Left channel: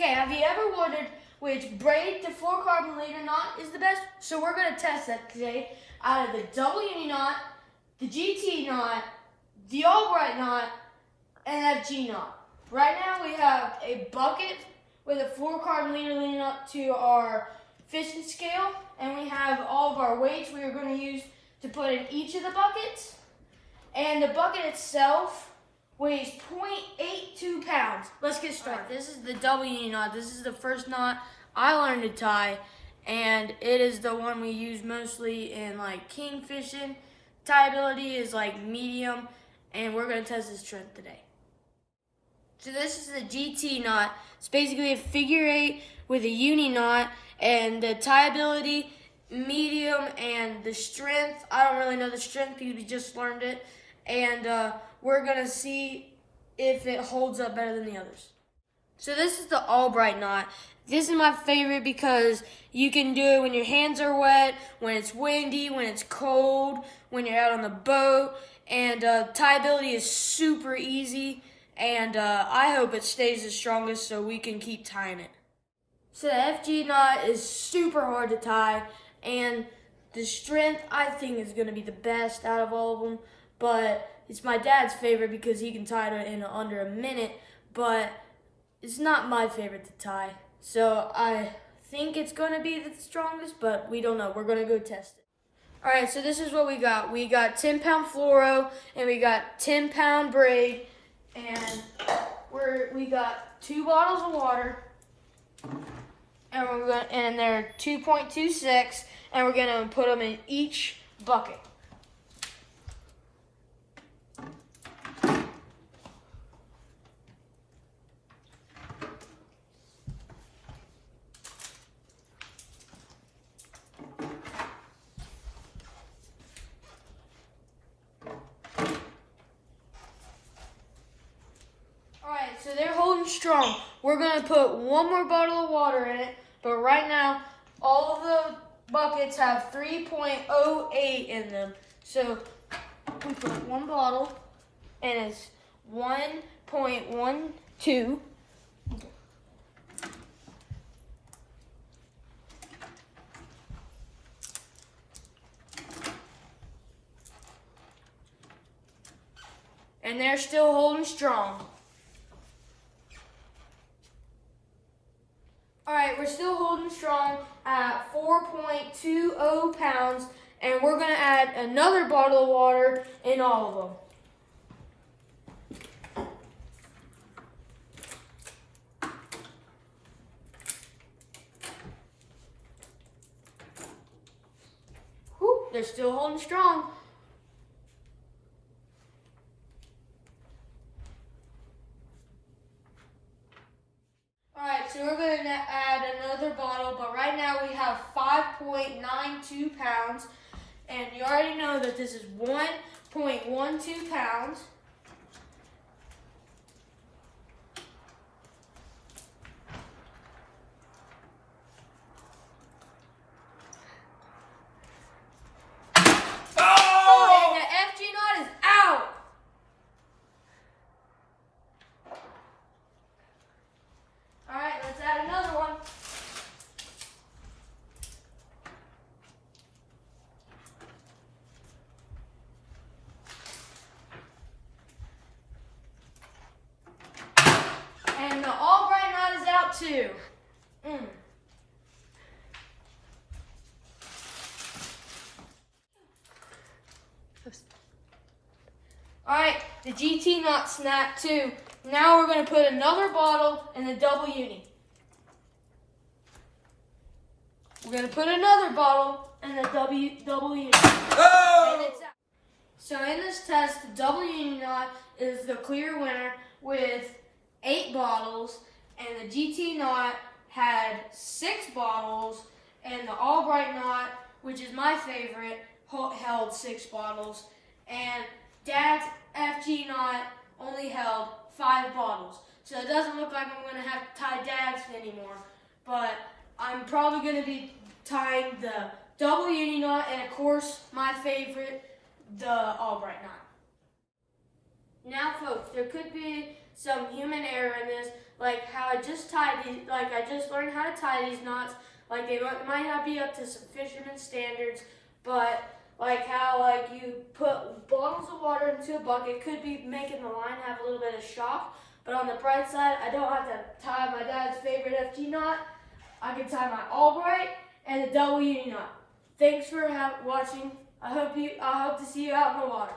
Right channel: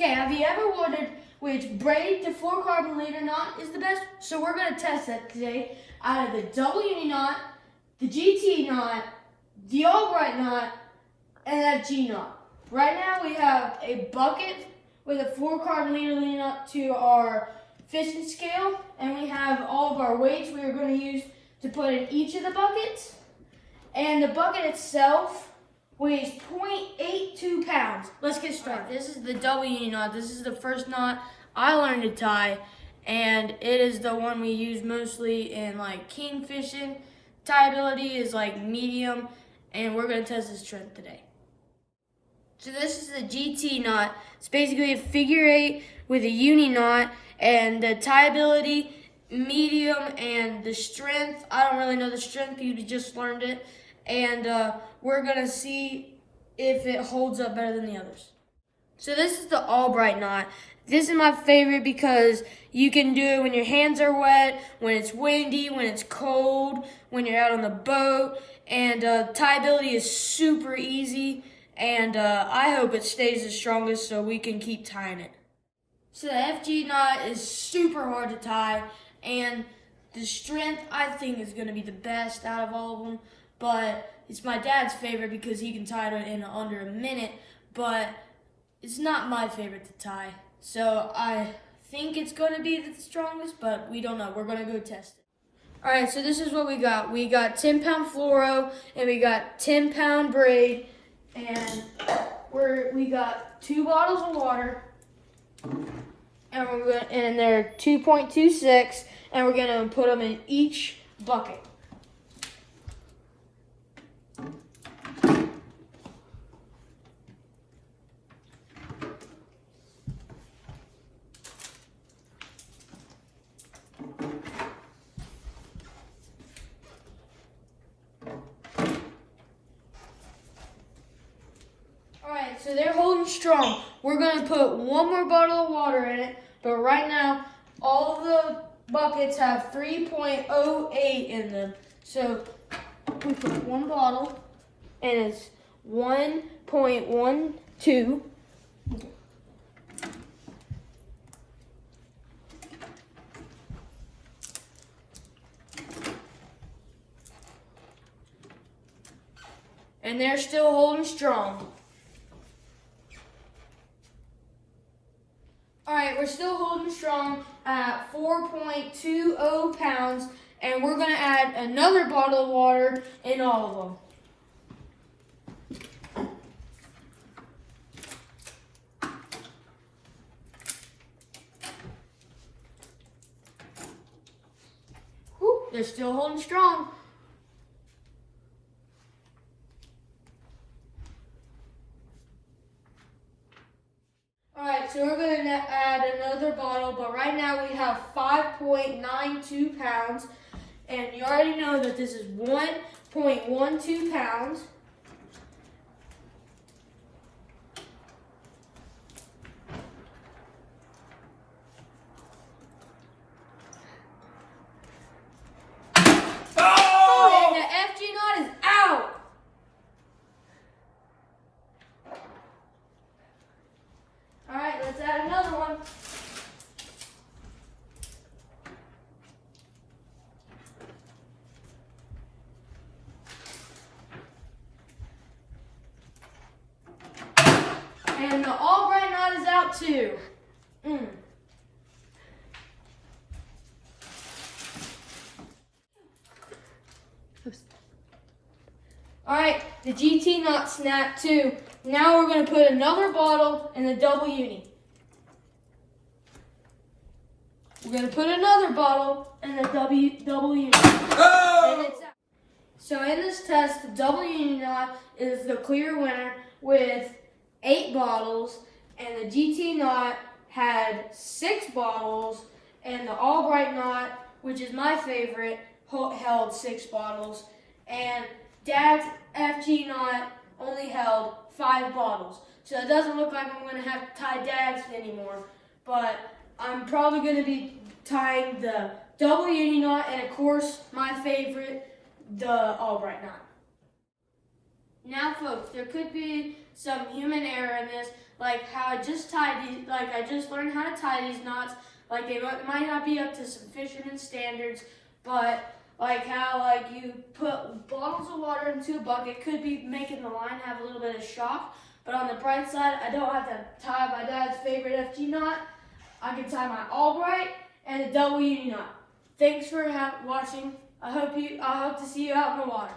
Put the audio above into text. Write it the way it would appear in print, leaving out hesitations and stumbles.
Okay, have you ever wondered which braid the 4-carbon leader knot is the best? So we're going to test that today out of the double uni knot, the GT knot, the Albright knot, and that G knot. Right now we have a bucket with a 4-carbon leader leading up to our fishing scale, and we have all of our weights we are going to use to put in each of the buckets. And the bucket itself weighs 0.82 pounds. Let's get started. Right, this is the double uni knot. This is the first knot I learned to tie, and it is the one we use mostly in like king fishing. Tie ability is like medium, and we're going to test this strength today. So this is the GT knot. It's basically a figure 8 with a uni knot, and the tie ability medium, and the strength, I don't really know the strength because we just learned it. And we're going to see if it holds up better than the others. So this is the Albright knot. This is my favorite because you can do it when your hands are wet, when it's windy, when it's cold, when you're out on the boat. And tie ability is super easy. And I hope it stays the strongest so we can keep tying it. So the FG knot is super hard to tie. And the strength, I think, is going to be the best out of all of them. But it's my dad's favorite because he can tie it in under a minute. But it's not my favorite to tie. So I think it's going to be the strongest, but we don't know. We're going to go test it. All right, so this is what we got. We got 10-pound fluoro, and we got 10-pound braid. And we got 2 bottles of water. And they're 2.26. And we're going to put them in each bucket. Alright, so they're holding strong. We're going to put 1 more bottle of water in it, but right now, all of the buckets have 3.08 in them. So we put 1 bottle, and it's 1.12. And they're still holding strong. Alright, we're still holding strong at 4.20 pounds, and we're going to add another bottle of water in all of them. Whew, they're still holding strong. Alright, so we're going to add another bottle, but right now we have 5.92 pounds, and you already know that this is 1.12 pounds. Oh! And the FG knot is out! Alright, let's add another one. And the Albright knot is out too. Alright, the GT knot snapped too. Now we're going to put another bottle in the double uni. We're going to put another bottle in the double uni. Oh! So in this test, the double uni knot is the clear winner with 8 bottles, and the GT knot had 6 bottles, and the Albright knot, which is my favorite, held 6 bottles, and Dad's FG knot only held 5 bottles. So it doesn't look like I'm going to have to tie Dad's anymore, but I'm probably going to be tying the double uni knot, and of course, my favorite, the Albright knot. Now folks, there could be some human error in this, like how I just tied these, like I just learned how to tie these knots. Like they might not be up to some fisherman standards, but like how like you put bottles of water into a bucket could be making the line have a little bit of shock. But on the bright side, I don't have to tie my dad's favorite FG knot. I can tie my Albright and a double uni knot. Thanks for watching. I hope to see you out in the water.